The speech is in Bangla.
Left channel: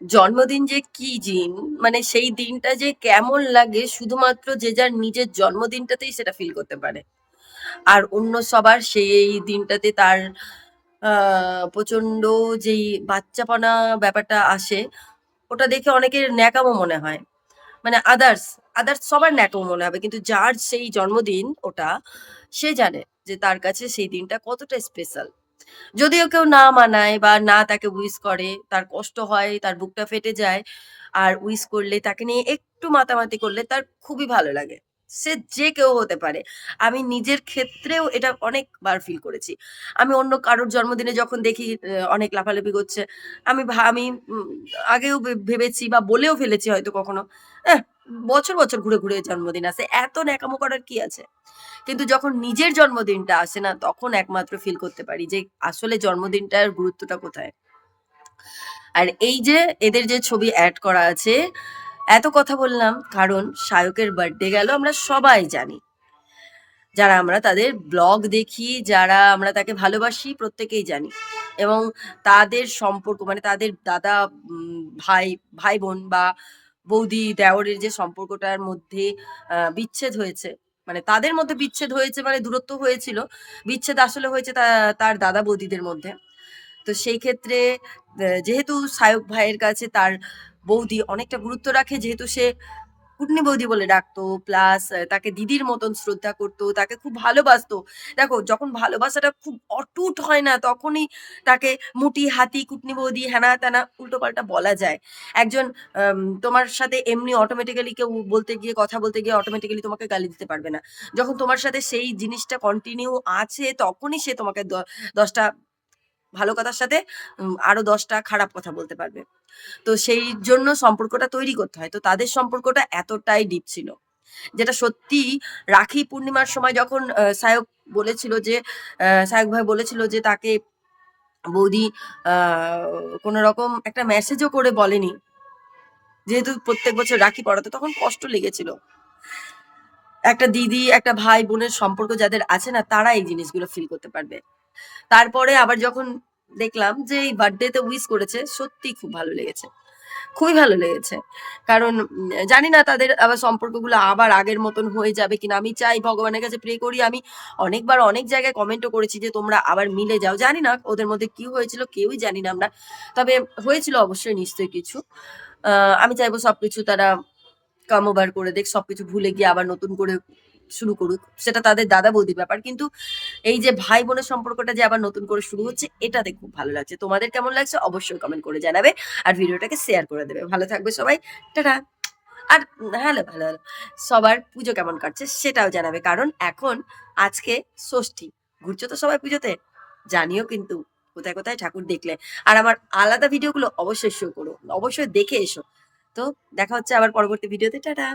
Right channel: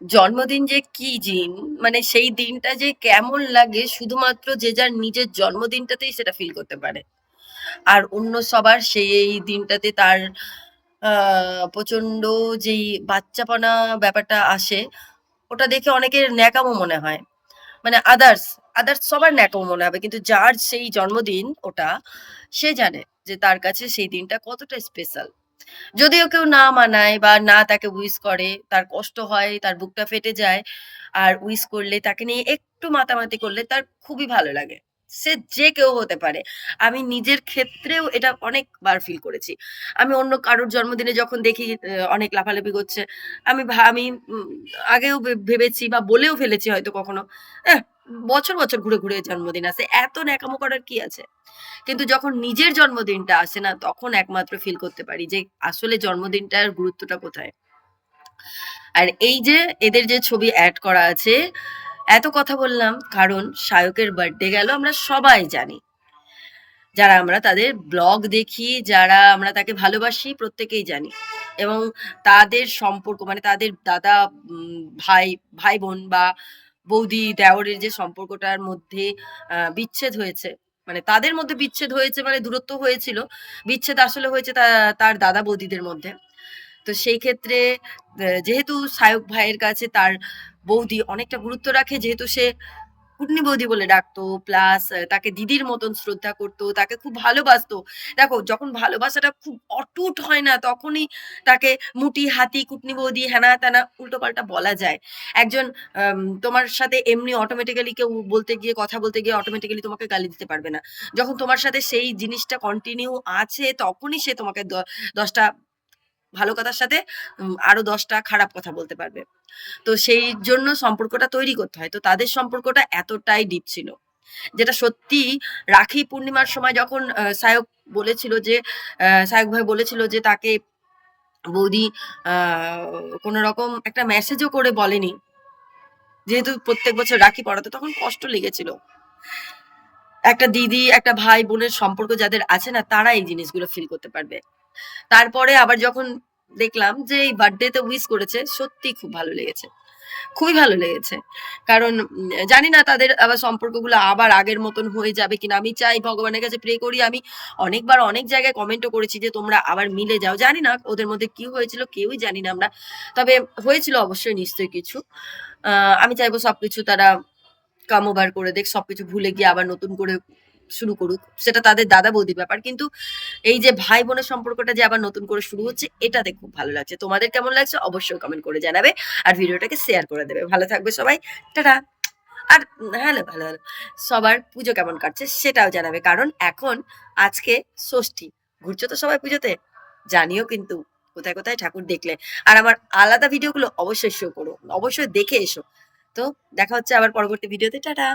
জন্মদিন যে কি জিন মানে সেই দিনটা যে কেমন লাগে শুধুমাত্র যে যার নিজের জন্মদিনটাতেই সেটা ফিল করতে পারে। আর অন্য সবার সেই এই দিনটাতে তার প্রচণ্ড যেই বাচ্চাপনা ব্যাপারটা আসে, ওটা দেখে অনেকের ন্যাকামো মনে হয়। মানে আদার্স আদার্স সবার ন্যাকামো মনে হবে, কিন্তু যার সেই জন্মদিন ওটা, সে জানে যে তার কাছে সেই দিনটা কতটা স্পেশাল যদিও কেউ না মানায় বা না তাকে উইস করে তার কষ্ট হয় তার বুকটা ফেটে যায় আর উইস করলে তাকে নিয়ে একটু মাতামাতি করলে তার খুবই ভালো লাগে। সে যে কেউ হতে পারে। আমি নিজের ক্ষেত্রেও এটা অনেকবার ফিল করেছি। আমি অন্য কারোর জন্মদিনে যখন দেখি অনেক লাফালাফি করছে আমি আমি আগেও ভেবেছি বা বলেও ফেলেছি হয়তো কখনো "এহ, বছর বছর ঘুরে ঘুরে জন্মদিন আসে এত ন্যাকামো করার কি আছে? কিন্তু যখন নিজের জন্মদিনটা আসে না, তখন একমাত্র ফিল করতে পারি যে আসলে জন্মদিনটার গুরুত্বটা কোথায়? আর এই যে এদের যে ছবি অ্যাড করা আছে, এত কথা বললাম কারণ শায়কের বার্থডে গেল, আমরা সবাই জানি। যারা আমরা তাদের ব্লগ দেখি, যারা আমরা তাকে ভালোবাসি, প্রত্যেকেই জানি। এবং তাদের সম্পর্ক মানে তাদের দাদা ভাই ভাই বোন বা বৌদি, দেওরের যে সম্পর্কটার মধ্যে বিচ্ছেদ হয়েছে। মানে তাদের মধ্যে বিচ্ছেদ হয়েছে মানে দূরত্ব হয়েছিল। বিচ্ছেদ আসলে হয়েছে তার দাদা বৌদিদের মধ্যে। তো সেই ক্ষেত্রে যেহেতু সায়ক ভাইয়ের কাছে তার বৌদি অনেকটা গুরুত্ব রাখে, যেহেতু সে কুটনি বৌদি বলে ডাকতো প্লাস তাকে দিদির মতন শ্রদ্ধা করতো, তাকে খুব ভালোবাসতো। দেখো, যখন ভালোবাসাটা খুব অটুট হয় না, তখনই তাকে মুটি, হাতি, কুটনি বৌদি, হেনা, তেনা উল্টো পাল্টা বলা যায়। একজন তোমার সাথে এমনি অটোমেটিক্যালি কেউ বলতে গিয়ে, কথা বলতে গিয়ে অটোমেটিক্যালি তোমাকে গালি দিতে পারবে না। যখন তোমার সাথে সেই জিনিসটা কন্টিনিউ আছে, তখনই সে তোমাকে দশটা ভালো কথার সাথে আরও দশটা খারাপ কথা বলতে পারবে। তো সেই জন্য সম্পর্কটা তৈরি করতে হয়। তো তাদের সম্পর্কটা এতটাই ডিপ ছিল। যেটা সত্যি রাখি পূর্ণিমার সময় যখন সায়ক বলেছিল যে সায়ক ভাই বলেছিল যে, তাকে বৌদি কোনো রকম একটা মেসেজও করে বলেনি। যেহেতু প্রত্যেক বছর রাখি পড়াতো তখন কষ্ট লেগেছিল। একটা দিদি, একটা ভাই, বোনের সম্পর্ক যাদের আছে না, তারা এই জিনিসগুলো ফিল করতে পারবে। তারপরে আবার যখন দেখলাম যে এই বার্থডেতে উইশ করেছে, সত্যি খুব ভালো লেগেছে। খুবই ভালো লেগেছে। কারণ জানি না তাদের আবার সম্পর্কগুলো আবার আগের মতন হয়ে যাবে কিনা। আমি চাই ভগবানের কাছে প্রে করি। আমি অনেকবার অনেক জায়গায় কমেন্টও করেছি যে তোমরা আবার মিলে যাও। জানি না ওদের মধ্যে কি হয়েছিল, কেউই জানি না আমরা। তবে হয়েছিল অবশ্যই নিশ্চয়ই কিছু। আমি চাইব সবকিছু তারা কাম ওভার করে দেখ, সবকিছু ভুলে গিয়ে আবার নতুন করে শুরু করুক, সেটা তাদের দাদা বৌদির ব্যাপার। কিন্তু এই যে ভাই বোনের সম্পর্কটা যে আবার নতুন করে শুরু হচ্ছে, এটাতে খুব ভালো লাগছে। তোমাদের কেমন লাগছে অবশ্যই কমেন্ট করে জানাবে আর ভিডিওটাকে শেয়ার করে দেবে। ভালো থাকবে সবাই। টাটা। আর হ্যালো ভালো ভালো সবার পুজো কেমন কাটছে সেটাও জানাবে। কারণ এখন আজকে ষষ্ঠী। ঘুরছো তো সবাই পুজোতে? জানিও কিন্তু কোথায় কোথায় ঠাকুর দেখলে। আর আমার আলাদা ভিডিওগুলো অবশ্যই শো করো। অবশ্যই দেখে এসো। তো দেখা হচ্ছে আবার পরবর্তী ভিডিওতে। টাটা।